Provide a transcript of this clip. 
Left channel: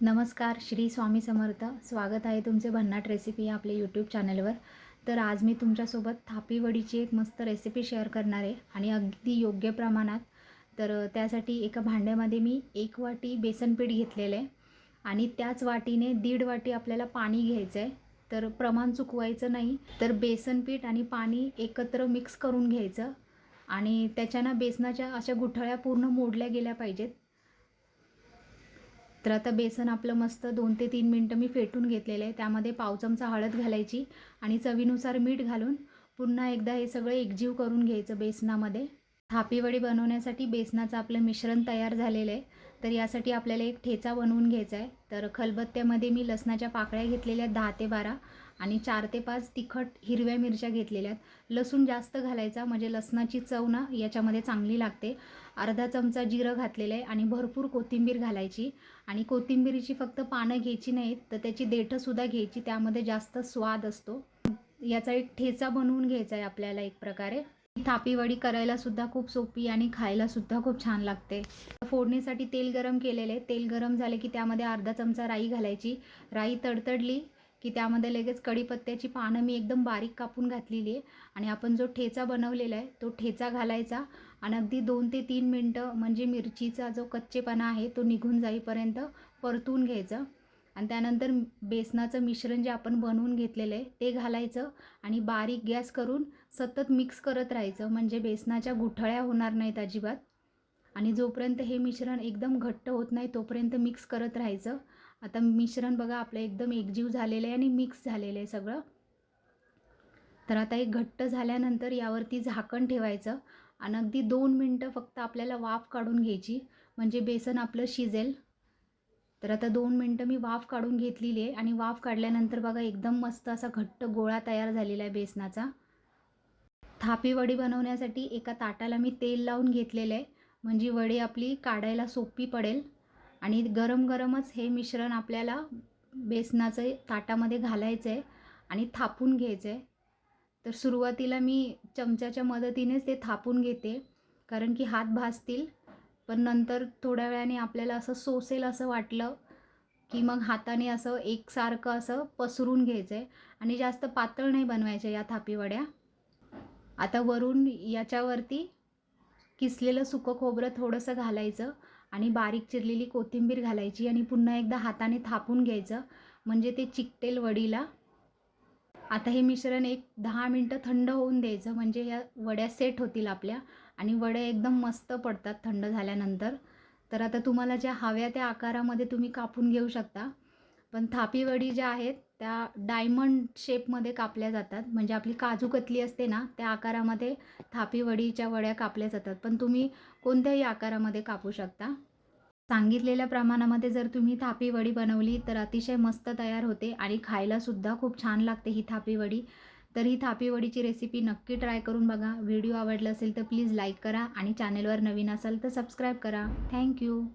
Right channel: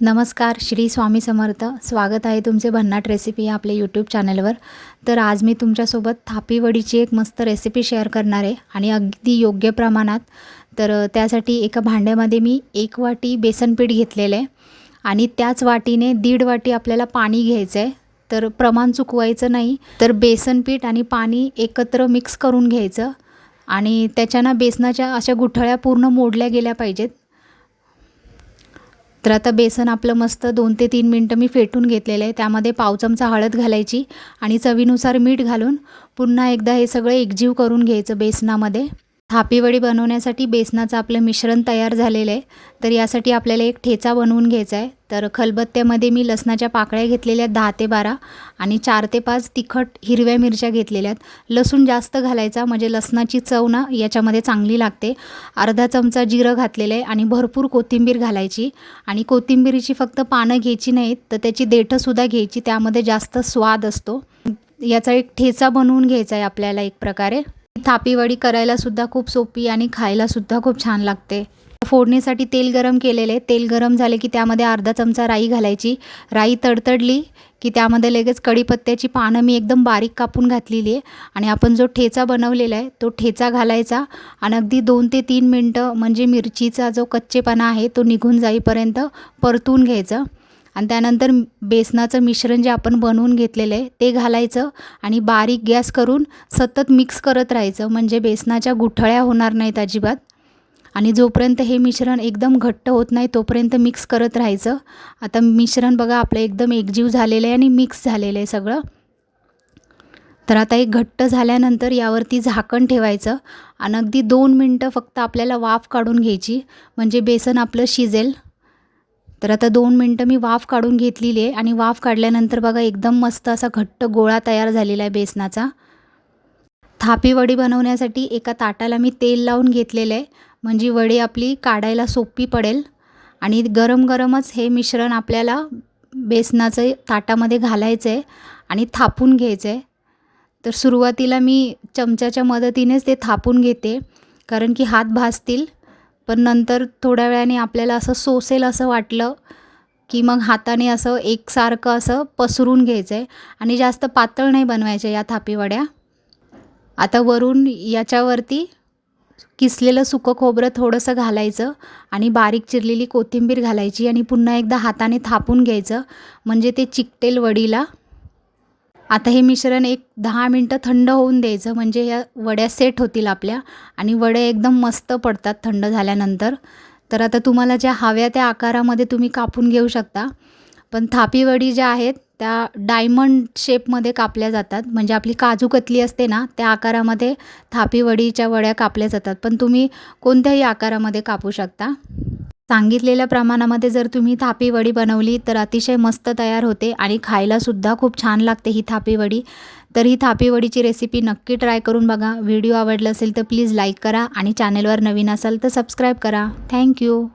नमस्कार श्री स्वामी समर्थ. स्वागत आहे तुमचे भन्नाट रेसिपी आपल्या यूट्यूब चॅनलवर तर आज मी तुमच्यासोबत थापीवडीची एक मस्त रेसिपी शेअर करणार आहे आणि अगदी योग्य प्रमाणात. तर त्यासाठी एका भांड्यामध्ये मी एक वाटी बेसन पीठ घेतलेलं आहे आणि त्याच वाटीने दीड वाटी आपल्याला पाणी घ्यायचं आहे. तर प्रमाण चुकवायचं नाही तर बेसन पीठ आणि पाणी एकत्र मिक्स करून घ्यायचं आणि त्याच्यानं बेसनाच्या अशा गुठळ्या पूर्ण मोडल्या गेल्या पाहिजेत. तर आता बेसन आपलं मस्त दोन ते तीन मिनटं मी फेटून घेतलेलं आहे. त्यामध्ये पाव चमचा हळद घालायची आणि चवीनुसार मीठ घालून पुन्हा एकदा हे सगळं एकजीव करून घ्यायचं बेसनामध्ये. थापीवडी बनवण्यासाठी बेसनाचं आपलं मिश्रण तयार झालेलं आहे. तर यासाठी आपल्याला एक ठेचा बनवून घ्यायचा आहे. तर खलबत्त्यामध्ये मी लसणाच्या पाकळ्या घेतलेल्या दहा ते बारा आणि चार ते पाच तिखट हिरव्या मिरच्या घेतलेल्या आहेत. लसूण जास्त घालायचा म्हणजे लसणाची चव ना याच्यामध्ये चांगली लागते. अर्धा चमचा जिरं घातलेलं आहे आणि भरपूर कोथिंबीर घालायची. आणि कोथिंबीरीची फक्त पानं घ्यायची नाहीत तर त्याची देठंसुद्धा घ्यायची. त्यामध्ये जास्त स्वाद असतो. याचा एक ठेचा बनवून घ्यायचा आहे आपल्याला एक प्रकारे. थापीवडी करायला सुद्धा खूप सोपी आणि खायला सुद्धा खूप छान लागते. फोडणीसाठी तेल गरम केलेले. तेल गरम झाले की त्यामध्ये अर्धा चमचा राई घालायची. राई तडतडली की त्यामध्ये लगेच कढीपत्त्याची पानं मी एकदम बारीक कापून घातलेली आहे. आणि आपण जो ठेचा बनवलेला आहे तो ठेचा घालायचा आणि अगदी दोन ते तीन मिनटं म्हणजे मिरचीचा जो कच्चेपणा आहे तो निघून जाईपर्यंत परतून घ्यायचं. आणि त्यानंतर बेसनाचं मिश्रण जे आपण बनवून घेतलेलं आहे ते घालायचं आणि बारीक गॅस करून सतत मिक्स करत राहायचं. म्हणजे बेसनाच्या गुठळ्या होणार नाहीत अजिबात. आणि जोपर्यंत हे मिश्रण एकदम घट्ट होत नाही तोपर्यंत मिक्स करत राहायचं. आता मिश्रण बघा आपलं एकदम एकजीव झालेलं आहे आणि मिक्स झालेलं आहे सगळं. तर आता एक घट्ट झाल्यानंतर यावरती झाकण ठेवायचं. आणि अगदी दोन मिनटं फक्त आपल्याला वाफ काढून घ्यायची. म्हणजे बेसन आपलं शिजेल. तर आता दोन मिनटं मी वाफ काढून घेतलेली आहे आणि वाफ काढल्यानंतर बघा एकदम मस्त असा घट्ट गोळा तयार झालेला आहे बेसनाचा. थापी वडी बनवण्यासाठी एका ताटाला मी तेल लावून घेतलेलं आहे. म्हणजे वडी आपली काढायला सोपी पडेल. आणि गरम गरमच हे मिश्रण आपल्याला बेसनाचं ताटामध्ये घालायचं आहे आणि थापून घ्यायचं आहे. तर सुरुवातीला मी चमच्याच्या मदतीनेच ते थापून घेते. कारण की हात भाजतील पण नंतर थोड्या वेळाने आपल्याला असं सोसेल असं वाटलं की मग हाताने असं एकसारखं असं पसरून घ्यायचं आहे आणि जास्त पातळ नाही बनवायच्या या थापीवड्या. आता वरून याच्यावरती किसलेलं सुकं खोबरं थोडंसं घालायचं आणि बारीक चिरलेली कोथिंबीर घालायची आणि पुन्हा एकदा हाताने थापून घ्यायचं. म्हणजे ते चिकटेल वडीला. आता हे मिश्रण एक दहा मिनटं थंड होऊन द्यायचं म्हणजे या वड्या सेट होतील आपल्या. आणि वड्या एकदम मस्त पडतात थंड झाल्यानंतर. तर आता तुम्हाला ज्या हव्या त्या आकारामध्ये तुम्ही कापून घेऊ शकता. पण थापी वडी ज्या आहेत त्या डायमंड शेपमध्ये कापल्या जातात. म्हणजे आपली काजू कतली असते ना त्या आकारामध्ये थापी वडीच्या वड्या कापल्या जातात. पण तुम्ही कोणत्याही आकारामध्ये कापू शकता. सांगितलेल्या प्रमाणामध्ये जर तुम्ही थापी वडी बनवली तर अतिशय मस्त तयार होते आणि खायलासुद्धा खूप छान लागते ही थापी वडी. तर ही थापी वडीची रेसिपी नक्की ट्राय करून बघा. व्हिडिओ आवडला असेल तर प्लीज लाईक करा आणि चॅनलवर नवीन असाल तर सबस्क्राईब करा. थँक्यू